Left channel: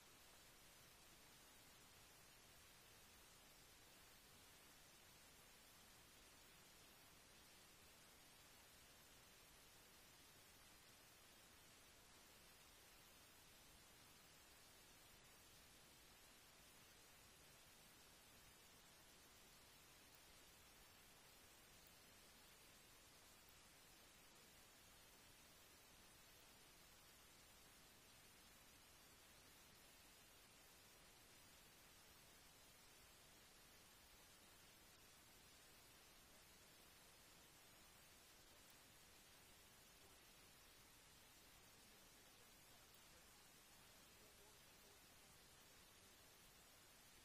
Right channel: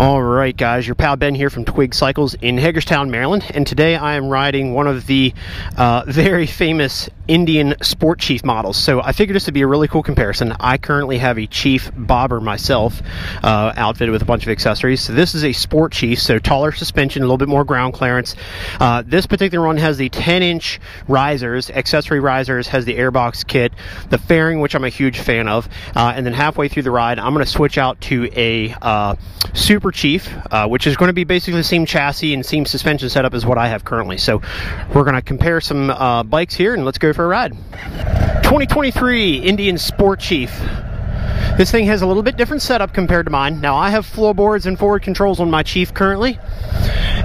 All right, guys, your pal Ben here from Twig Cycles in Hagerstown, Maryland, and today I am riding one of the very famous Indian Sport Chief models. So I figured this would be a really cool comparison. I currently have a Chief bobber myself, outfitted with a bunch of accessories. So this is a Sport Chief, so taller suspension, a little bit more ground clearance. This particular one has the 10-inch risers, accessory risers, has the airbox kit, the fairing, which I'm a huge fan of, and then halfway through the ride, I'm going to switch out to a Super Chief, which is going to be basically the same chassis and same suspension setup as what I have currently. So we're going to compare some bikes here, and let's go for a ride. 2023 Indian Sport Chief. This thing has a little bit different setup compared to mine. Now I have floorboards and forward controls on my Chief currently,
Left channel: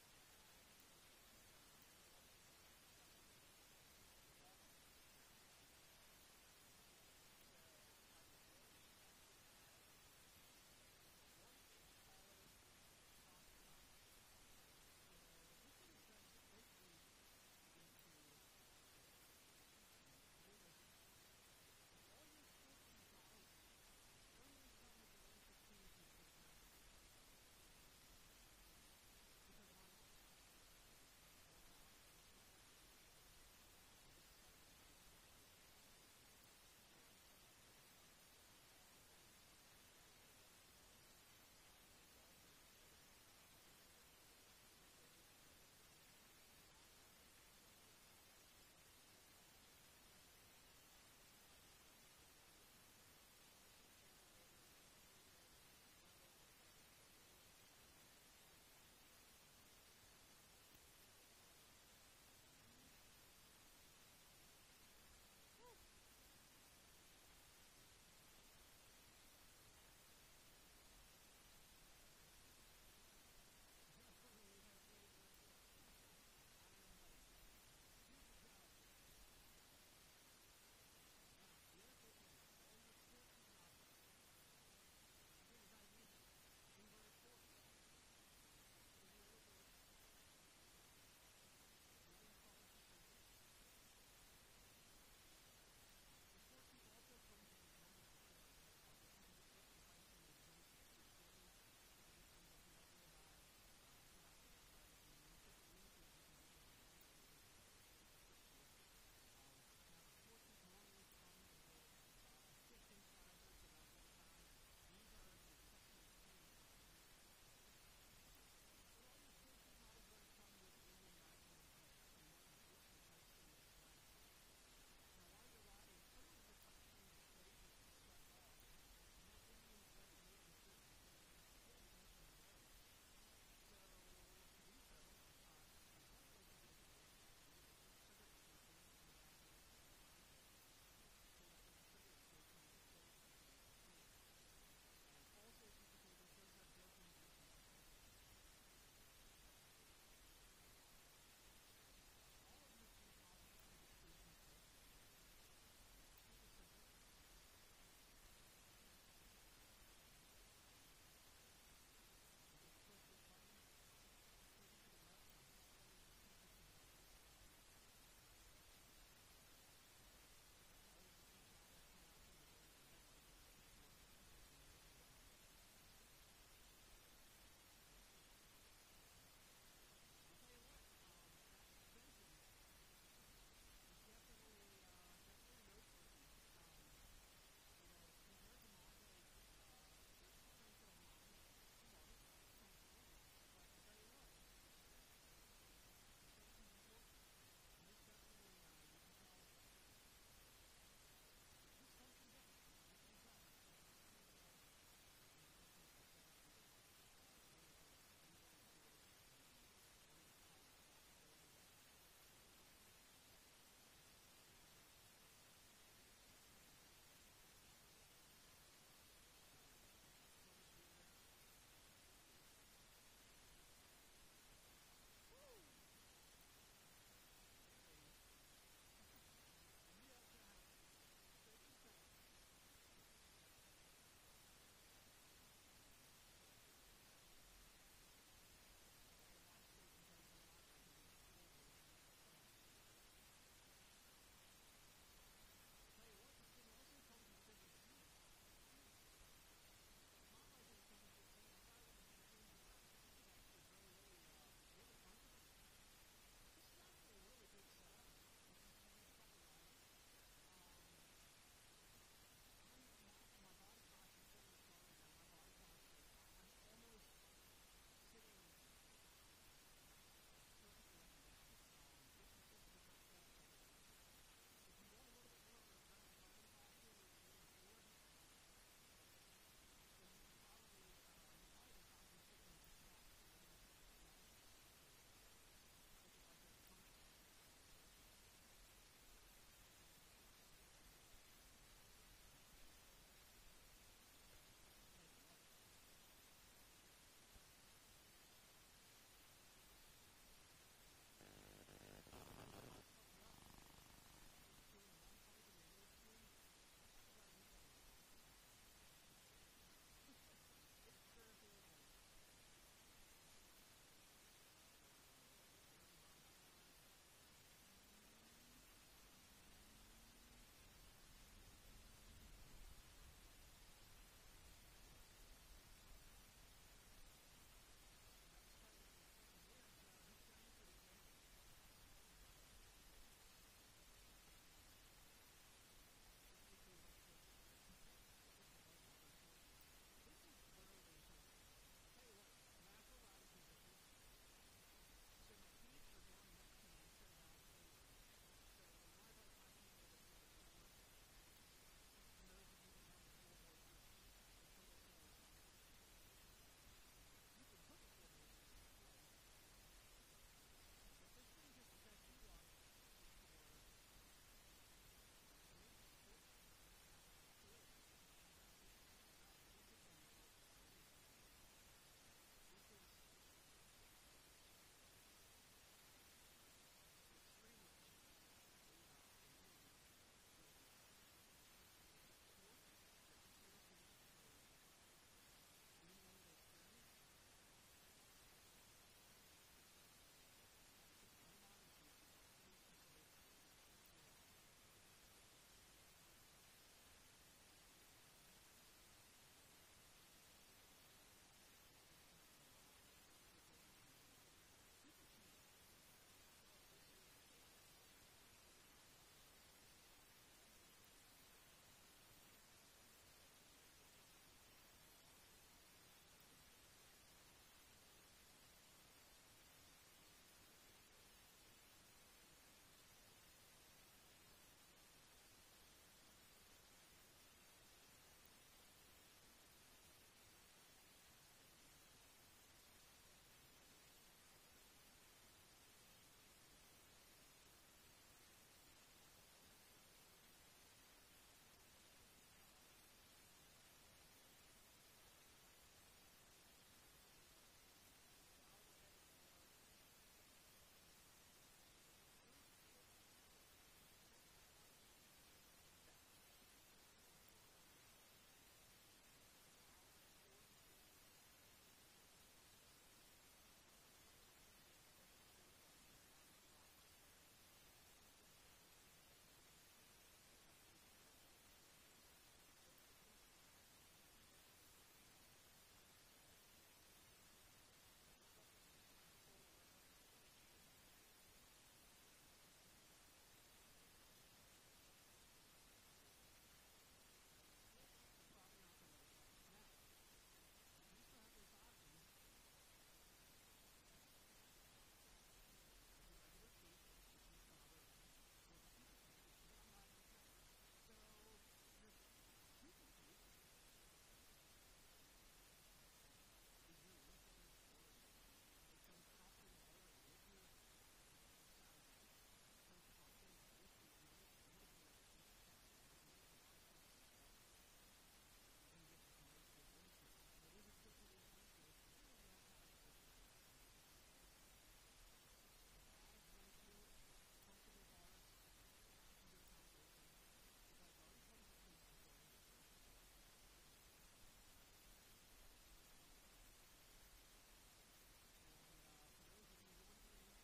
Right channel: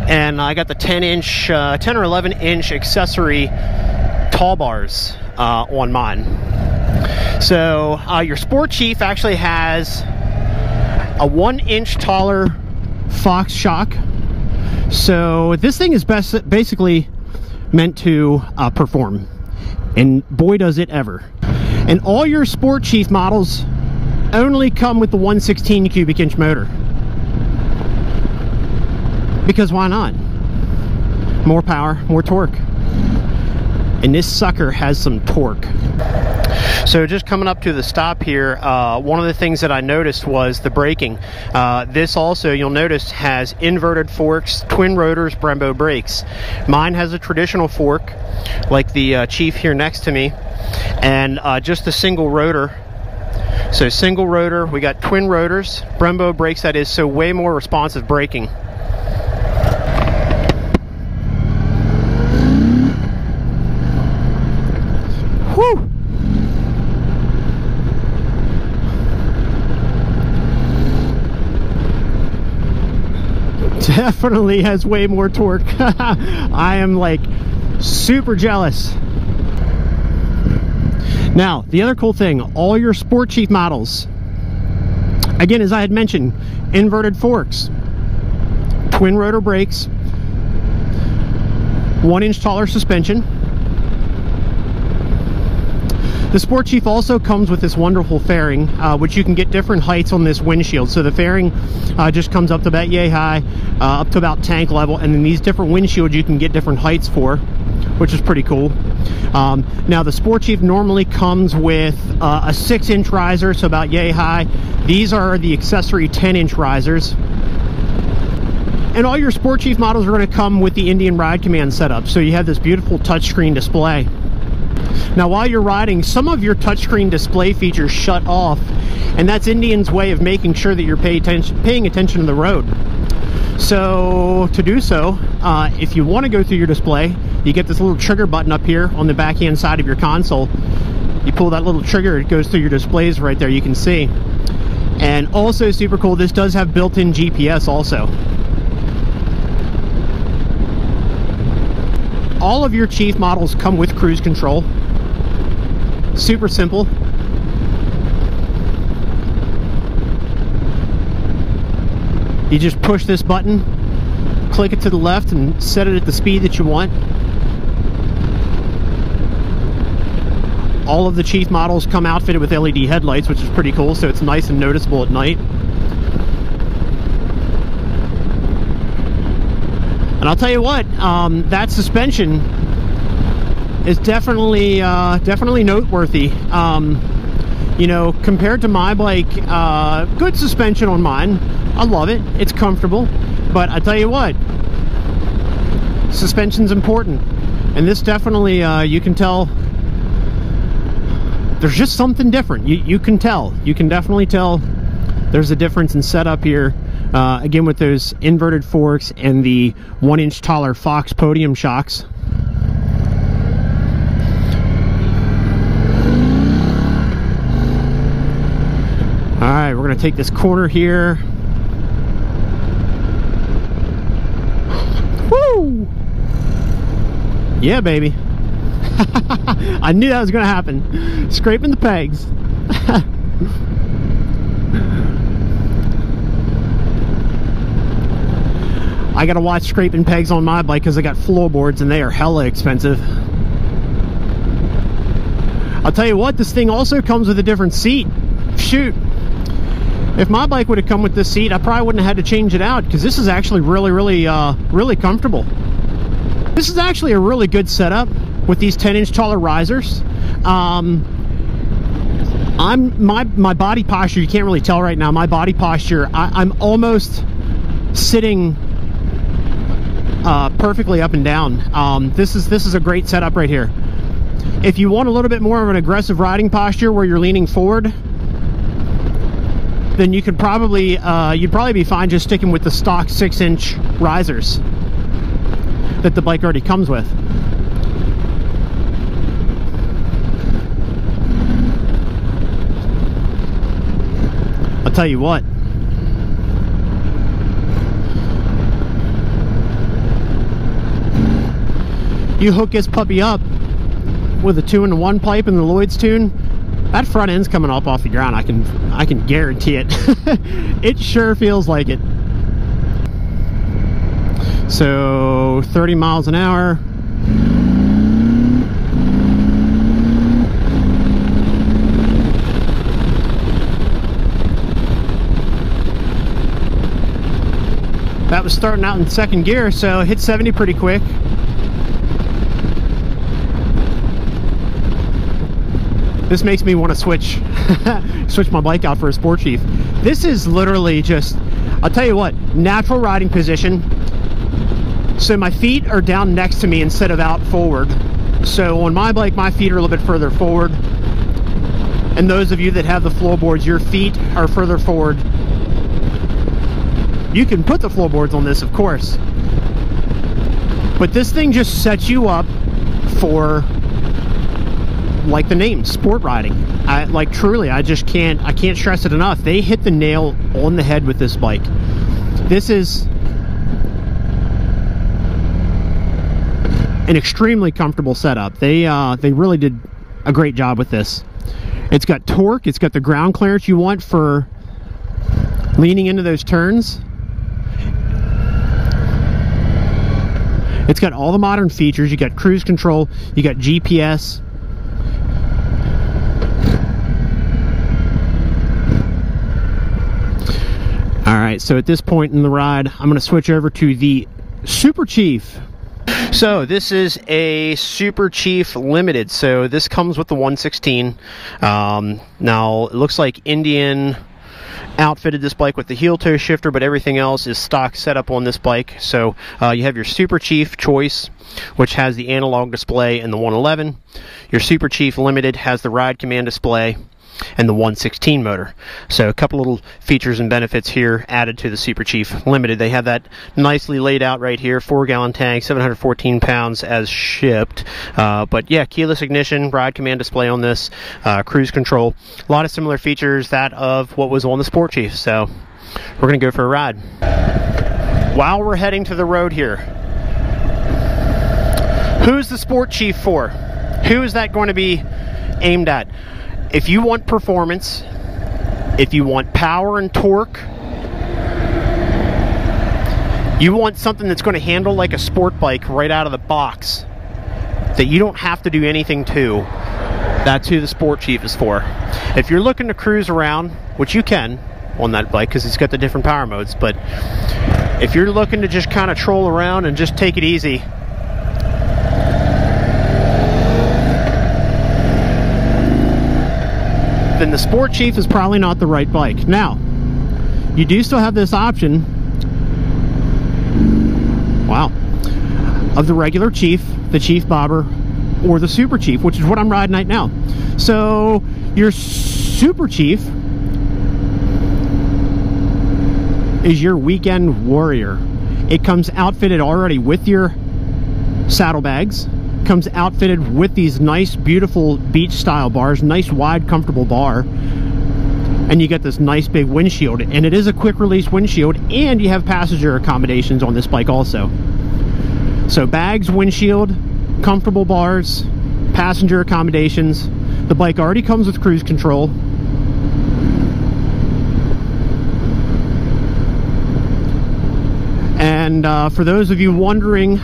and I got the 10 or 11-inch accessory tall bars on mine. So your Sport Chief actually has a 1-inch taller Fox shock. So this thing is basically meant to perform, and boy does it ever. And all your Sport Chief models only come with the 116 cubic inch motor, because why not? More power, more torque, and this sucker has some torque. So just coming up to the stop here, one of the things that I noticed was the braking. This also, you'll notice, has inverted forks, twin rotors, Brembo brakes. Mine has a traditional fork, like the Chief here next to me, and just a single rotor. So single rotor, we got twin rotors, Brembo brakes, that is, so way more responsive braking. Whew! Definitely has way more torque. I am like super jealous. Now, the other cool thing, all your Sport Chief models, again, as I had mentioned, inverted forks, twin rotor brakes, 1-inch taller suspension. The Sport Chief also comes with this wonderful fairing, which you can get different heights on this windshield. So the fairing just comes up to about yay high, up to about tank level, and then these different windshields you can get different heights for, which is pretty cool. Now the Sport Chief normally comes with a 6-inch riser, so about yay high. These are the accessory 10-inch risers. And all your Sport Chief models are going to come with the Indian Ride Command setup, so you have this beautiful touchscreen display. Now while you're riding, some of your touchscreen display features shut off, and that's Indian's way of making sure that you're paying attention to the road. So to do so, if you want to go through your display, you get this little trigger button up here on the backhand side of your console. You pull that little trigger, it goes through your displays right there, you can see. And also super cool, this does have built-in GPS also. All of your Chief models come with cruise control. Super simple. You just push this button, click it to the left, and set it at the speed that you want. All of the Chief models come outfitted with LED headlights, which is pretty cool, so it's nice and noticeable at night. And I'll tell you what, that suspension is definitely noteworthy. You know, compared to my bike, good suspension on mine. I love it. It's comfortable. But I tell you what, suspension's important. And this definitely, you can tell, there's just something different. You can tell. You can definitely tell there's a difference in setup here. Again, with those inverted forks and the 1-inch taller Fox podium shocks. All right, we're gonna take this corner here. Woo! Yeah, baby. I knew that was gonna happen. Scraping the pegs. I gotta watch scraping pegs on my bike because I got floorboards and they are hella expensive. I'll tell you what, this thing also comes with a different seat. Shoot. If my bike would have come with this seat, I probably wouldn't have had to change it out, because this is actually really comfortable. This is actually a really good setup with these 10-inch taller risers. My body posture, you can't really tell right now, my body posture, I'm almost sitting perfectly up and down. This is a great setup right here. If you want a little bit more of an aggressive riding posture where you're leaning forward, then you could probably you'd probably be fine just sticking with the stock 6-inch risers that the bike already comes with. I'll tell you what, you hook this puppy up with a 2-in-1 pipe and the Lloyd's tune, that front end's coming up off the ground. I can guarantee it. It sure feels like it. So 30 miles an hour. That was starting out in second gear, so hit 70 pretty quick. This makes me want to switch my bike out for a Sport Chief. This is literally just, I'll tell you what, natural riding position. So my feet are down next to me instead of out forward. So on my bike, my feet are a little bit further forward. And those of you that have the floorboards, your feet are further forward. You can put the floorboards on this, of course. But this thing just sets you up for, like the name, sport riding. Like truly, I can't stress it enough. They hit the nail on the head with this bike. This is an extremely comfortable setup. They really did a great job with this. It's got torque, it's got the ground clearance you want for leaning into those turns. It's got all the modern features. You got cruise control, you got GPS. All right, so at this point in the ride, I'm going to switch over to the Super Chief. So this is a Super Chief Limited. So this comes with the 116. Now it looks like Indian outfitted this bike with the heel toe shifter, but everything else is stock setup on this bike. So you have your Super Chief Choice, which has the analog display and the 111. Your Super Chief Limited has the ride command display and the 116 motor. So a couple little features and benefits here added to the Super Chief Limited. They have that nicely laid out right here, 4-gallon tank, 714 pounds as shipped. But yeah, keyless ignition, ride command display on this, cruise control, a lot of similar features that of what was on the Sport Chief. So we're gonna go for a ride. While we're heading to the road here, who's the Sport Chief for? Who is that going to be aimed at? If you want performance, if you want power and torque, you want something that's going to handle like a sport bike right out of the box, that you don't have to do anything to, that's who the Sport Chief is for. If you're looking to cruise around, which you can on that bike because it's got the different power modes, but if you're looking to just kind of troll around and just take it easy, then the Sport Chief is probably not the right bike. Now, you do still have this option, wow, of the regular Chief, the Chief Bobber, or the Super Chief, which is what I'm riding right now. So your Super Chief is your weekend warrior. It comes outfitted already with your saddlebags, comes outfitted with these nice beautiful beach style bars, nice wide comfortable bar, and you get this nice big windshield, and it is a quick release windshield, and you have passenger accommodations on this bike also. So bags, windshield, comfortable bars, passenger accommodations. The bike already comes with cruise control. And for those of you wondering,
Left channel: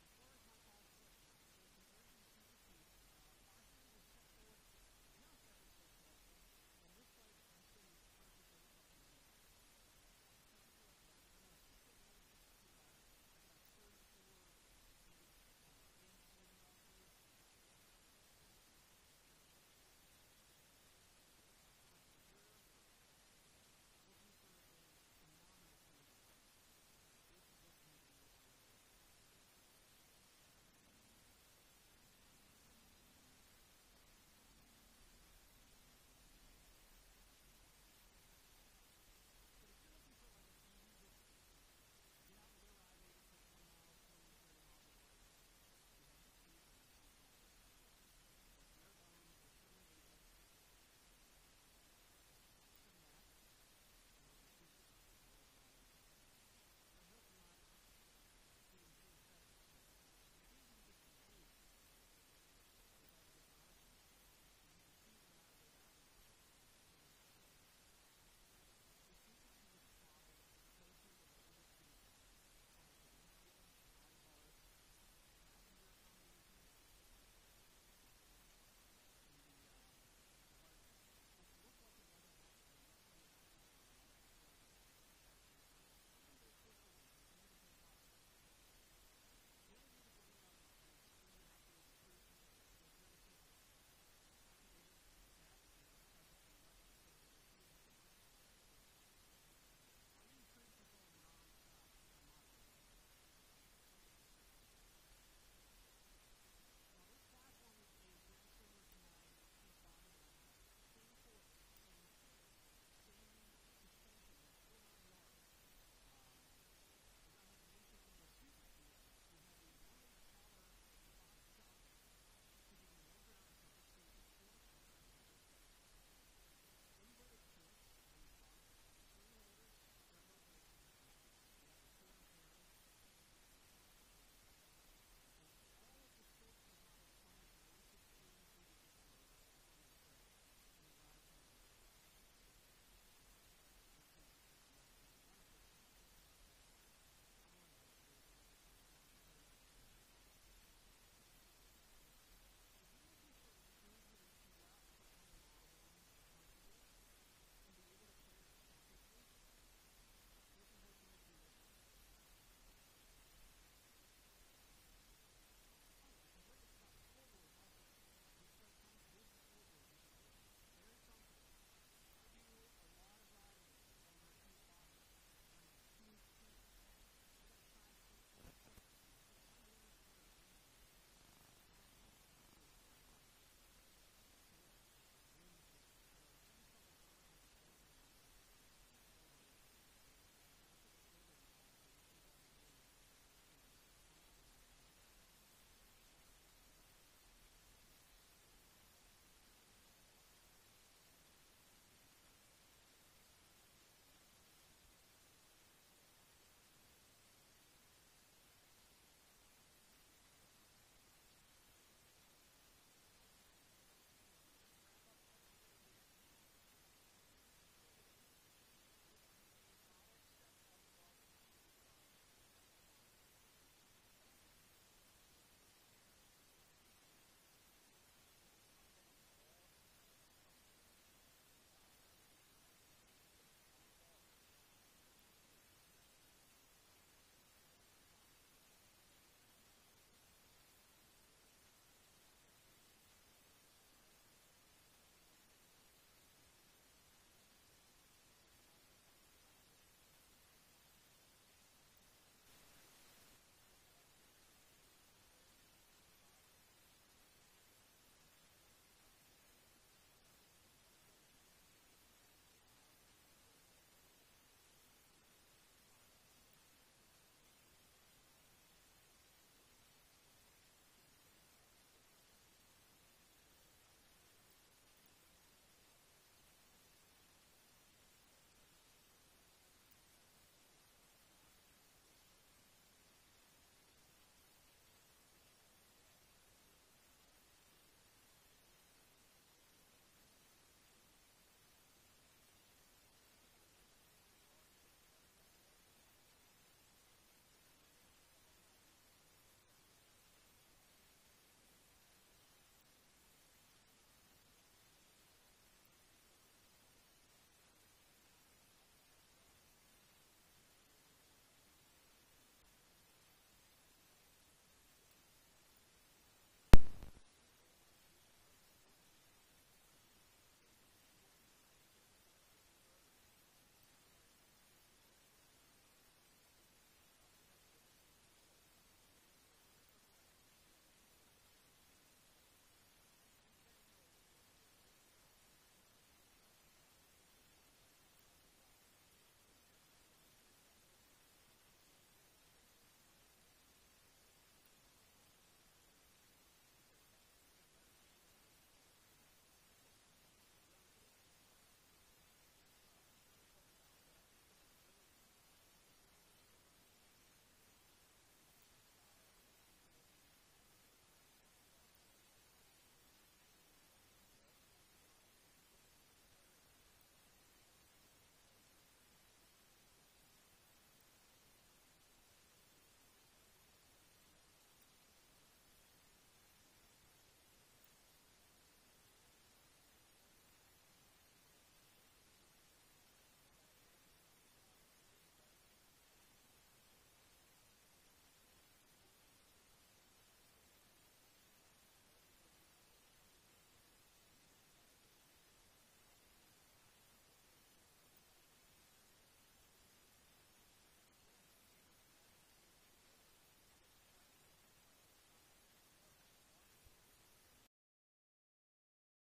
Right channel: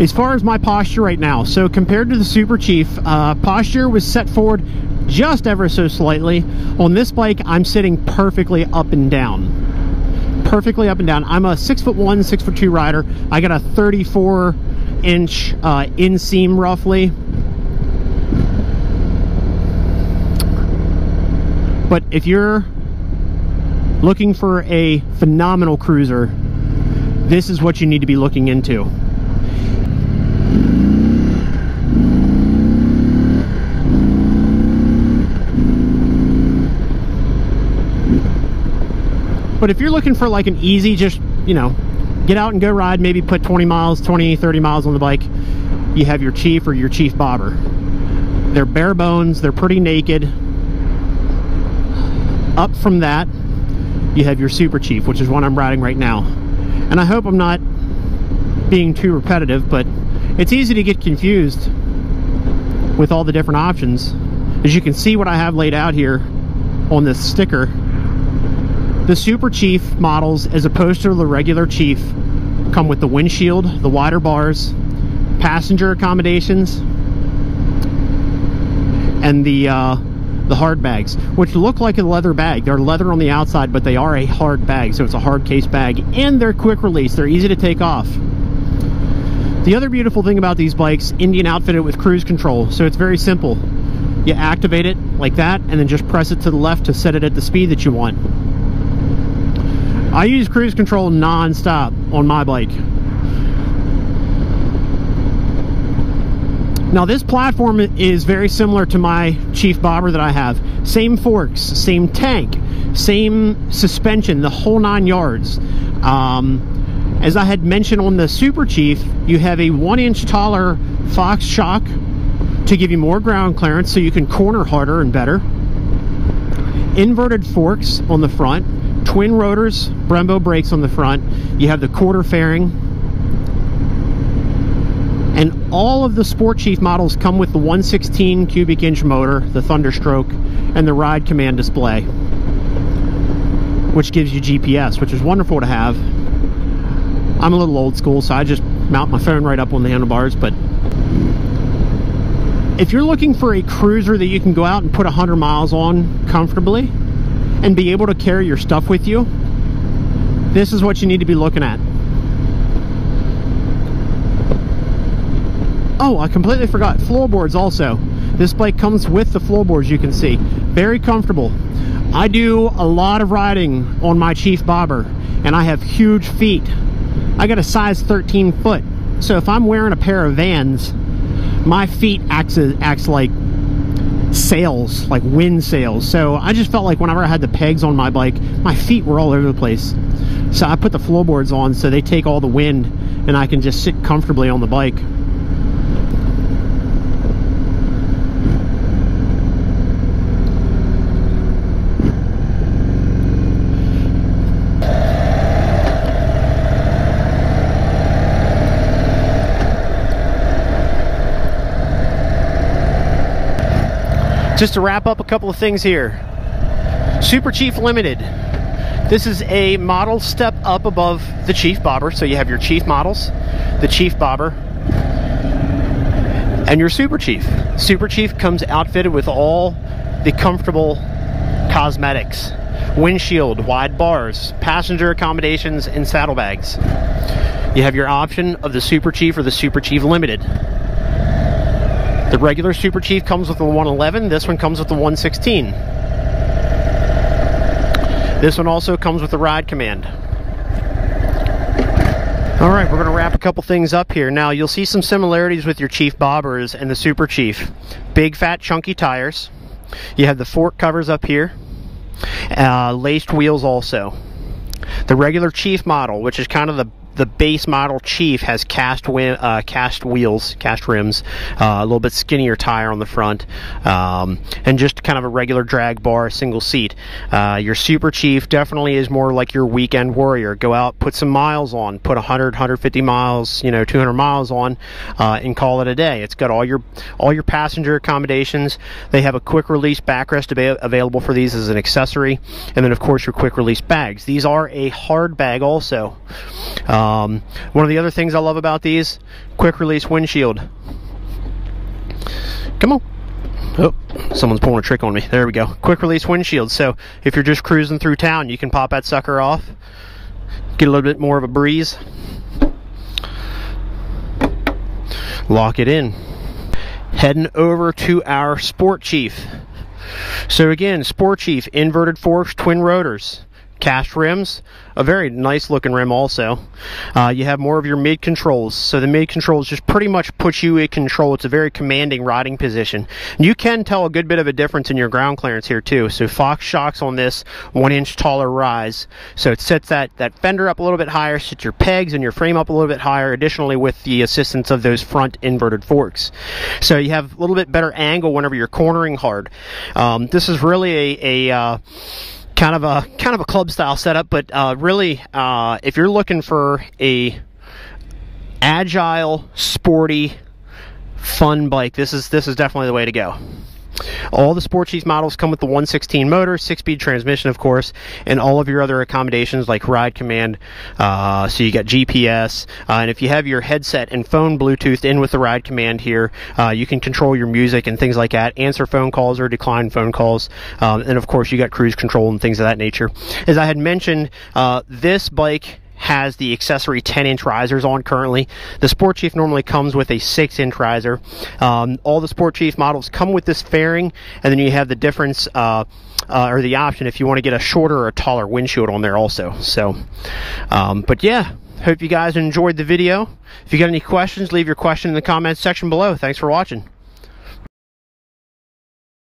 as far as my posture right now, so compared to the Super Chief, posture was set forward just ever so slightly. On this bike, I'm sitting perfectly up and down. Perfectly up and down. I'm a 6'1", 6'2" rider. I got a 34-inch inseam roughly. But if you're looking for a phenomenal cruiser, this is what you need to be looking into. But if you're looking for like an easy, just, you know, get out and go ride, maybe put 20 miles, 20, 30 miles on the bike, you have your Chief or your Chief Bobber. They're bare bones, they're pretty naked. Up from that, you have your Super Chief, which is one I'm riding right now. And I hope I'm not being too repetitive, but it's easy to get confused with all the different options. As you can see what I have laid out here on this sticker, the Super Chief models, as opposed to the regular Chief, come with the windshield, the wider bars, passenger accommodations, and the hard bags, which look like a leather bag. They're leather on the outside, but they are a hard bag, so it's a hard case bag, and they're quick release. They're easy to take off. The other beautiful thing about these bikes, Indian outfitted with cruise control, so it's very simple. You activate it like that, and then just press it to the left to set it at the speed that you want. I use cruise control non-stop on my bike. Now this platform is very similar to my Chief Bobber that I have. Same forks, same tank, same suspension, the whole 9 yards. As I had mentioned on the Super Chief, you have a 1-inch taller Fox shock to give you more ground clearance so you can corner harder and better. Inverted forks on the front. Twin rotors, Brembo brakes on the front. You have the quarter fairing. And all of the Sport Chief models come with the 116 cubic inch motor, the Thunderstroke, and the Ride Command display, which gives you GPS, which is wonderful to have. I'm a little old school, so I just mount my phone right up on the handlebars. But if you're looking for a cruiser that you can go out and put 100 miles on comfortably and be able to carry your stuff with you, this is what you need to be looking at. Oh, I completely forgot, floorboards also. This bike comes with the floorboards, you can see. Very comfortable. I do a lot of riding on my Chief Bobber, and I have huge feet. I got a size 13 foot. So if I'm wearing a pair of Vans, my feet acts like sails, like wind sails. So I just felt like whenever I had the pegs on my bike, my feet were all over the place. So I put the floorboards on so they take all the wind and I can just sit comfortably on the bike. Just to wrap up a couple of things here. Super Chief Limited. This is a model step up above the Chief Bobber. So you have your Chief models, the Chief Bobber, and your Super Chief. Super Chief comes outfitted with all the comfortable cosmetics. Windshield, wide bars, passenger accommodations, and saddlebags. You have your option of the Super Chief or the Super Chief Limited. The regular Super Chief comes with the 111. This one comes with the 116. This one also comes with the Ride Command. All right, we're going to wrap a couple things up here. Now, you'll see some similarities with your Chief Bobbers and the Super Chief. Big, fat, chunky tires. You have the fork covers up here. Laced wheels also. The regular Chief model, which is kind of the base model Chief, has cast wheels, cast rims, a little bit skinnier tire on the front, and just kind of a regular drag bar, single seat. Your Super Chief definitely is more like your weekend warrior. Go out, put some miles on, put 100, 150 miles, 200 miles on, and call it a day. It's got all your passenger accommodations. They have a quick release backrest available for these as an accessory, and then of course your quick release bags. These are a hard bag also. One of the other things I love about these, quick release windshield. Come on. Oh, someone's pulling a trick on me. There we go. Quick release windshield. So if you're just cruising through town, you can pop that sucker off, get a little bit more of a breeze, lock it in. Heading over to our Sport Chief. So again, Sport Chief, inverted forks, twin rotors, cast rims, a very nice looking rim also. You have more of your mid controls, so the mid controls just pretty much put you in control. It's a very commanding riding position. And you can tell a good bit of a difference in your ground clearance here too. So Fox shocks on this 1 inch taller rise, so it sets that fender up a little bit higher, sets your pegs and your frame up a little bit higher, additionally with the assistance of those front inverted forks. So you have a little bit better angle whenever you're cornering hard. This is really a kind of a club style setup, but really if you're looking for a agile, sporty, fun bike, this is definitely the way to go. All the Sport Chief models come with the 116 motor, 6-speed transmission, of course, and all of your other accommodations like ride command. So you got GPS, and if you have your headset and phone Bluetoothed in with the ride command here, you can control your music and things like that, answer phone calls or decline phone calls, and of course you got cruise control and things of that nature. As I had mentioned, this bike has the accessory 10-inch risers on currently. The Sport Chief normally comes with a 6-inch riser. All the Sport Chief models come with this fairing, and then you have the difference or the option if you want to get a shorter or a taller windshield on there also. So, but yeah, hope you guys enjoyed the video. If you got any questions, leave your question in the comments section below. Thanks for watching.